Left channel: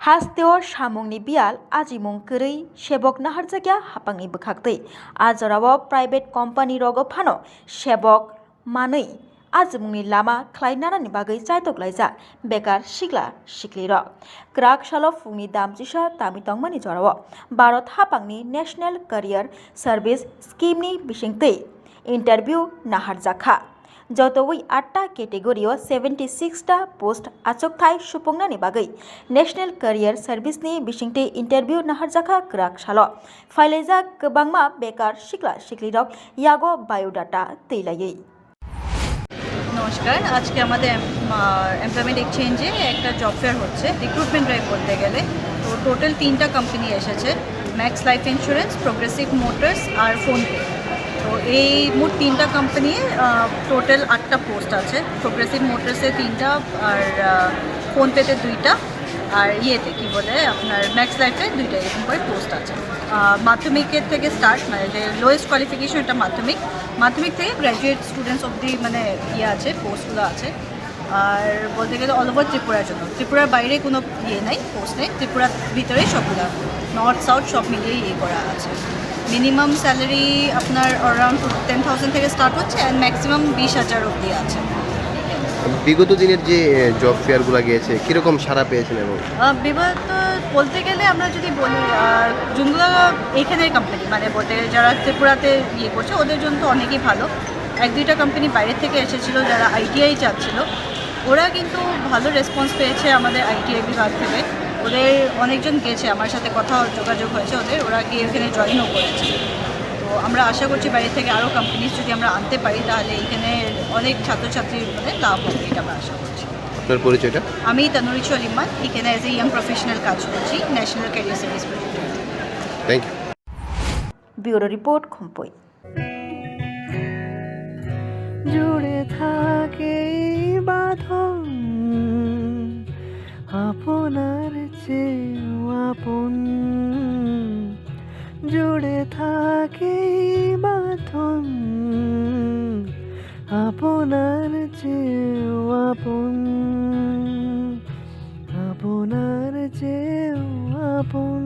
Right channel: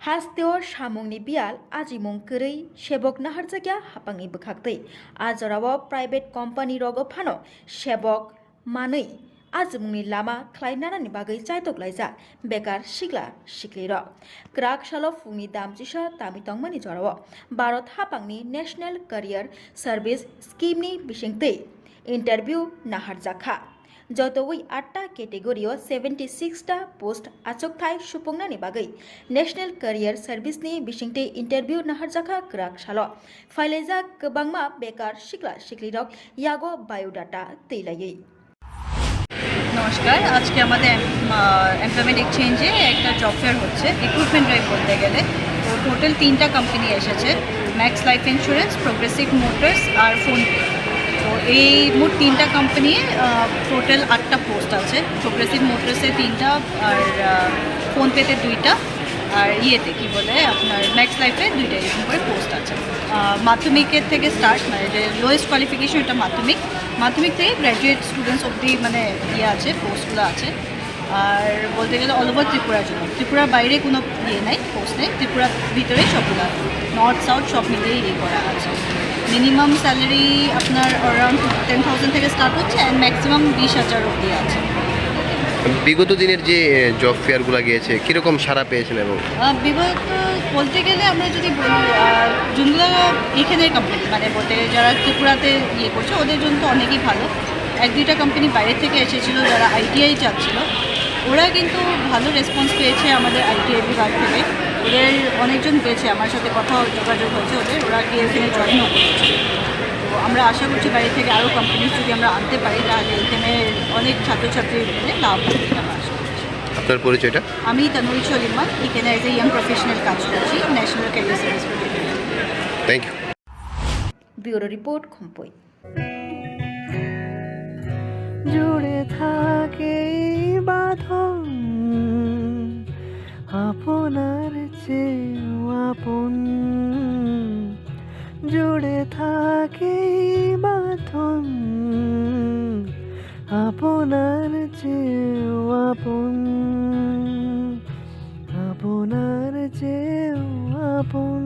हास्तेव सामुंनि बियाल आजिमुं गरै सेबक नाहारजाग्या हापांनि बोखाक्तै आजराव private company रग फानो सेबक मानै आजिमुंनि लामा ख्लायनानानि बागै चाइतकलायजा बेकार सिग्ला सिक्लिर क्राक सालो फुंनि दामजिसा तामितंमानि जराव भारत हापांनि नेशनेल करियर सार्भिस स्कीमनि बिसिंतै इंटरव्यू नाहारजाखा जतोई 8टा केटेगरियाव 76टा पोस्ट आचकथाय सुफुंनानि बागै नेशनेल करियर सार्भिसनि बिसिंतै इंटरव्यू नाहारजाखा क्राक सालो फाइलायजा गोबांमा बेकार सिक्ला सिक्लिरक यागो बायोडाटा तैलायै। নমস্কার, আজকে আমাদের এমপ্লয়মেন্ট এক্সচেঞ্জে একটা জব ফেয়ার হচ্ছে, রিক্রুটমেন্ট ড্রাইভ বলতে গেলে। তো টোটাল 3টা কোম্পানি এসেছে, Max Life Insurance, Progressive Motors আর ফোনপে। তো এই মোট 3টা কোম্পানি টোটাল 8টা পোস্ট আছে। প্রোগ্রেসিভ মোটরসে 3টা আর ফোনপেতে 2টা আর ইয়েতে কী বলে আপনার ম্যাক্স লাইফে 2টা, এরকম করে পোস্ট আছে। মাধ্যমিকের থেকে স্টার্ট, মানে যে লোয়েস্ট কোয়ালিফিকেশন এটা মাধ্যমিক থেকে গ্র্যাজুয়েট স্টুডেন্টস অবধি মানে ইয়ে আছে, পোস্টগুলো আছে। আর বলতে গেলে অল ওভার ত্রিপুরার জন্য, ত্রিপুরার বাইরে কোনো ইয়ে নেই, পোস্ট নেই, ত্রিপুরার ভিতরেই সবগুলো আছে, নর্থ সাউথ সব মিলিয়ে ইয়ে করা আছে। মিনিমাম স্যালারি আপনার অ্যারাউন্ড 10,000 থেকে স্টার্ট হচ্ছে অ্যান্ড ম্যাক্সিমাম 20,000 অবধি আছে। বিগত দিনের যে জব ফেয়ারগুলো গিয়েছে কীরকম সাড়া পেয়েছেন? এবং বিগত বলতে গেলে আমরা যদি বলি যোনগুলো এখানের কোম্পানি মানে বলতে যারা ত্রিপুরাতে ইয়ে করছে ওদের জন্য তো অনেকই ভালো। 1-2টা কোম্পানি বাইরে থেকে এসেছিলো যারা আইটিআই চাচ্ছিল, ওরা কিন্তু ভালো রেসপন্স পেয়েছে আমাদের আইটিআই বিভাগ থেকে। ওদের অনেকজন গেছে, আমার সাথে কথা যোগাযোগ হয়েছে ওরা গিয়ে এখানে জয়েনও করেছে। তো আমরা আশা করছি বাইরে থেকে আরও কোম্পানি যদি আমরা আনতে পারি তাহলে এখানে অনেক ছাত্রছাত্রীর মানে লাভ হবে, আমরা আশা করছি। আপনার পরিচয়টা? আমি তানুরি চলিমান, এখানে অ্যাজ এ ইয়াং প্রফেশনাল কাজ করছি national career service. Thank you. Bureau report খম্পই। জুড়ে থাকে বাঁধন আপনার চেয়েও আপন, জুড়ে থাকে বাঁধন আপনার চেয়েও আপন, আপনার চেয়েও আপন।